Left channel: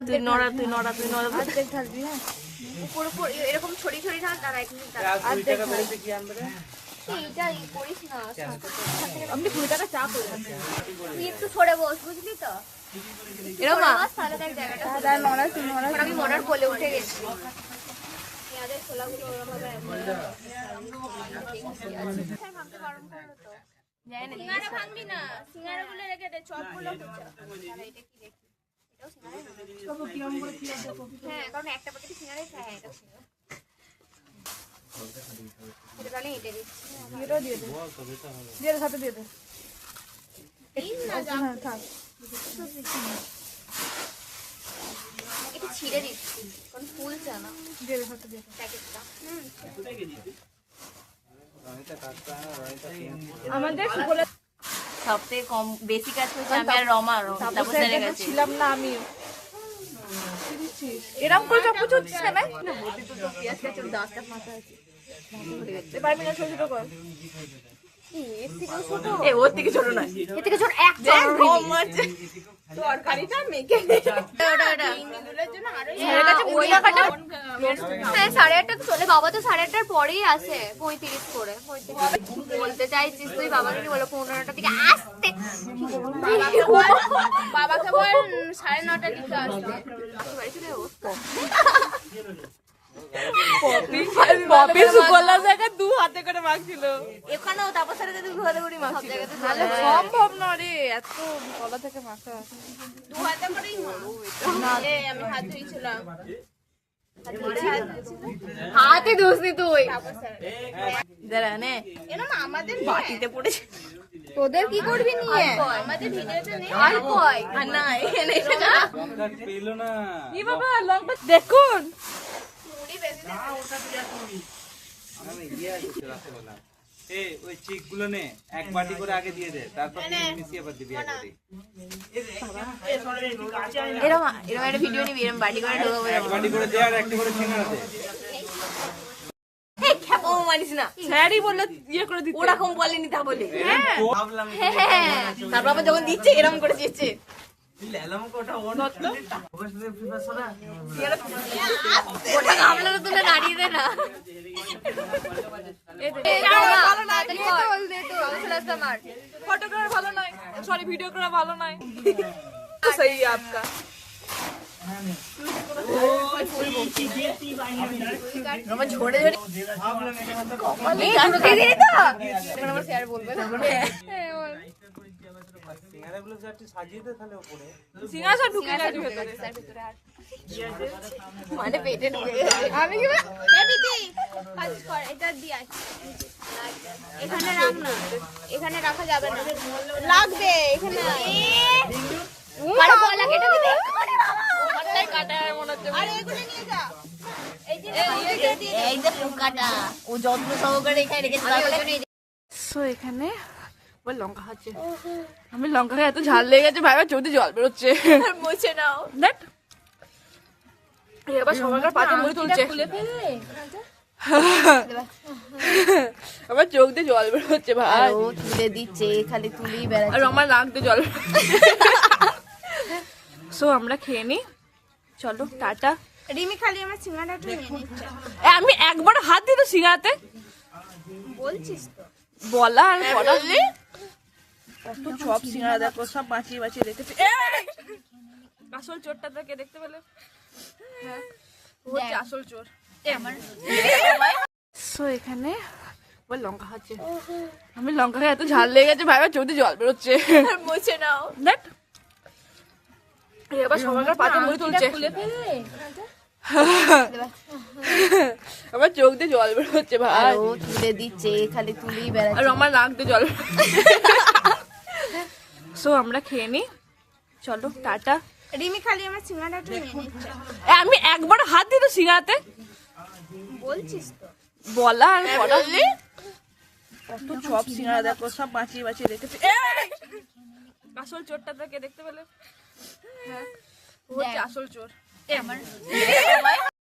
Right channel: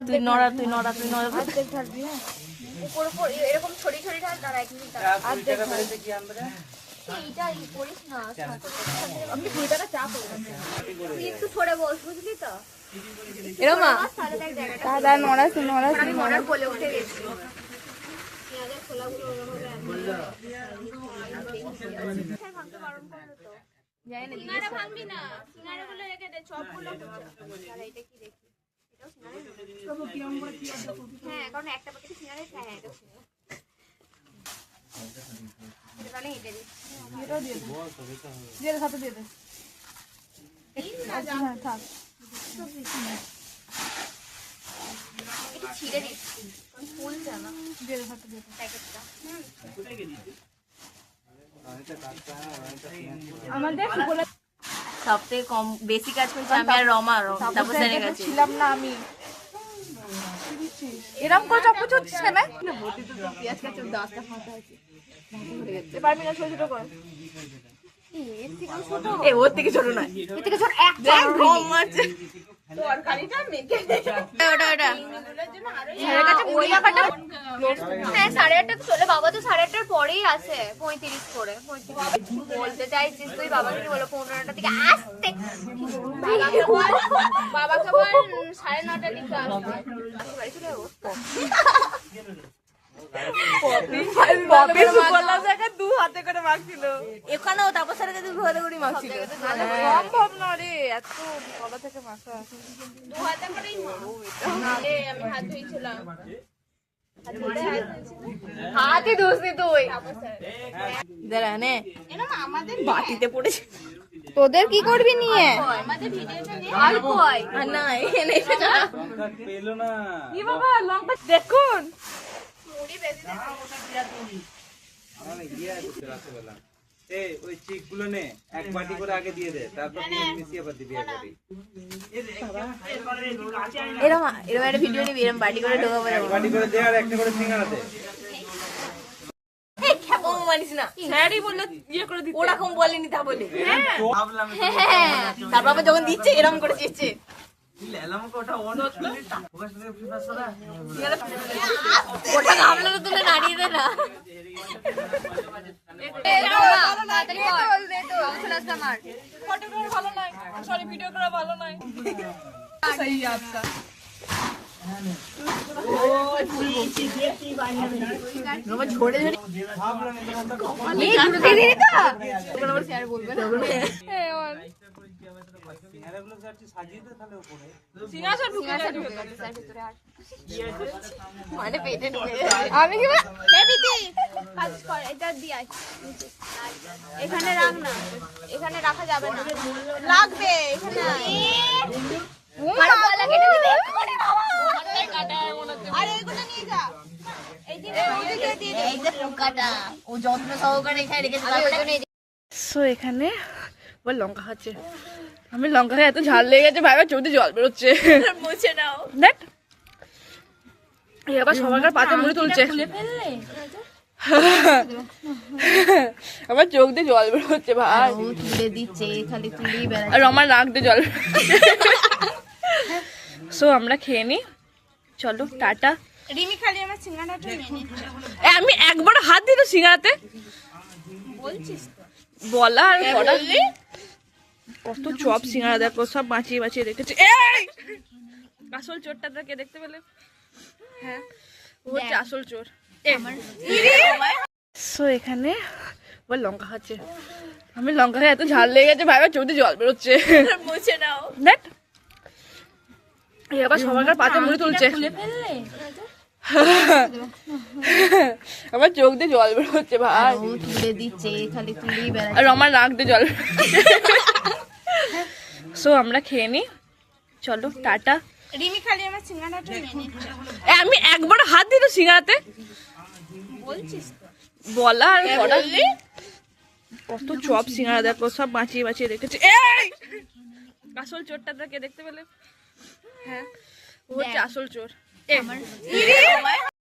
তুই নড়া তুই নড়া তুই নড়া অর্ধেক ঢালবি। হ্যাঁ উপর উপর এরকম ছড়ি ছড়ি ঢাল তার এক মিনিট অর্ধেক ঢাল। এইটা ই করিস না আপনি 20 টাকা চা করবেন। তুই একটু সরে বস বুঝলি তো এরকম না তাহলে দেখ জায়গাটা দাদা নড়া তুই নড়া আমি মরার কোলে উঠে গেছি সিঙ্গারা ভাঙবি না সিঙ্গারা গুলো রেখে দে চপ গুলো হ্যাঁ কারণ একটা প্যাকেটে সিঙ্গারাই খায় এটা তাহলে এটা দিচ্ছি এটাও দিয়ে দে। দিয়ে দে সাথে দিয়ে দে। হ্যাঁ থাক। এটা ছিঁড়ে দিচ্ছি কারণ ফুলছে না দিয়ে দে সাথে দিয়ে দে। প্যাকেটটা আমাদের সুবলে সবথেকে কম বেশি কাজ করছে আমি আর রমা তারপর জেনে গেছি ছিলাম না আমি। এরকম করে চাপ কুচুচ্ছিস কেন? না বলতে তো তো পেঁয়াজ কাছে দাঁতটা ফাঁকা আছে পারবি না ছোট ছোট কর। এর থেকেও ছোট এ ওর থেকে ছোট নয়। এর থেকে ছোট এক তরকারিটা মেখে ওটা ওটা ছেলের কাছে ওই টাকাটা হ্যাঁ 8:30 চলে বাবা তো 8:30টার পরেই আসে 35 করে 35 বলতে চাইছিস তুই বাবাকে বলো 15টা থেকে আসতে বাবাকে বল 9:30টার দিকে আসতে বাড়ি চলে যাবো পপি সুবলা জায়গা দু হাতে করে মাখছিল। এখানেও তারপর সারা দিন ঘরে ঘুরি মারছি সম্ভব না রে এত গলা থেকে মাখা। দু হাতে করেই আমি হাত ধুইছিলাম হাতে ধুসনি তুই দাঁড়া নে এরকম আমাদের বাটিতে পড়েছে। তোদের কি করবি নিয়ে? আমাদের ভিডিওটা নে আর কই না এনে পেলো না। কি বাবা লঙ্কা দেখুন। ওই চিক গুলো নে এক বাটি করে আগে দিয়ে দে তারপর মিশিয়ে আবার দিবি এক বাটি এরকম এরকম একটা ভিডিও নিবি এরকম বাড়ি করে ঢোকাবো এরকম বাটি করে দে আর একটা করে সিঙ্গারা দে ও মানিস না স্যারই বললে ইয়ে করে দিতে। ওরকম বলেনি তা বলি ভাবলাম তারপর আবার যখন দিচ্ছে এরকম করে দিচ্ছে ওটা গামলা তুলে নাড়িয়ে দে না ফটো করে ভালো নয়, সরি ভিডিও করে ভালো নয়। সেই আপকা ঝরে ঝরে সিঙ্গারাগুলো সাজিয়ে দে তাহলে উপরে সিঙ্গাসা ঢুকে যাবে। মানে পেটে ঢুকে আমি কি এটা দিয়ে এখানে রাখ না এখানে রাখা যাবে না লাগবে এখানে এই যে পোকাটা ও যত্ন সহকারে এখানে রেখেছে সো এখানে আবার লঙ্কা খাচ্ছে। আমি লঙ্কা খেয়ে এত ঝাল লেগে গেছে ভাই চোখে জল বেরোচ্ছে। মুছে নাও নেট এবার সবাইকার পাতে মুড়ি তুলছে। আমার চোখ দিয়ে জল বেরোচ্ছে ভাই। ও তুলে দিচ্ছে খালি তুলেই বেড়াচ্ছে আর আমার নাক দিয়ে জল বেরোচ্ছে। সো আমরা খেয়ে নি, চলো টাটা। রিমি খালি আমার সিঙ্গাড়াটা আমি একবার হাত দিই তো সিঙ্গারাতে বলছিস বলা আর করা। কত চপ সিঙ্গারা দেখো সব বাঁচিয়ে বাঁচিয়ে রেখেছে। এই আসল চোরটা তোকে দেখতে পেলে? হ্যাঁ ও হচ্ছে আসল চোর। সো এখানে আবার লঙ্কা খাচ্ছে। আমি লঙ্কা খেয়ে এত ঝাল লেগে গেছে ভাই চোখ দিয়ে জল বেরোচ্ছে। মুছে নাও নেট এবার সবাইকার পাতে মুড়ি তুলছে। ফেললে আমার চোখ দিয়ে জল বেরোচ্ছে ভাই। ও তুলে দিচ্ছে খালি তুলেই বেড়াচ্ছে আর আমার নাক দিয়ে জল বেরোচ্ছে। সো আমরা খেয়ে নি, চলো টাটা। রিমি খালি আমার সিঙ্গাড়াটা আমি একবার হাত দিই তো সিঙ্গারাতে বলছিস বলা আর করা। কত চপ সিঙ্গারা দেখো সব বাঁচিয়ে বাঁচিয়ে রেখেছে। এই আসল চোরটা তোকে দেখতে পেলে? হ্যাঁ ও হচ্ছে আসল চোর।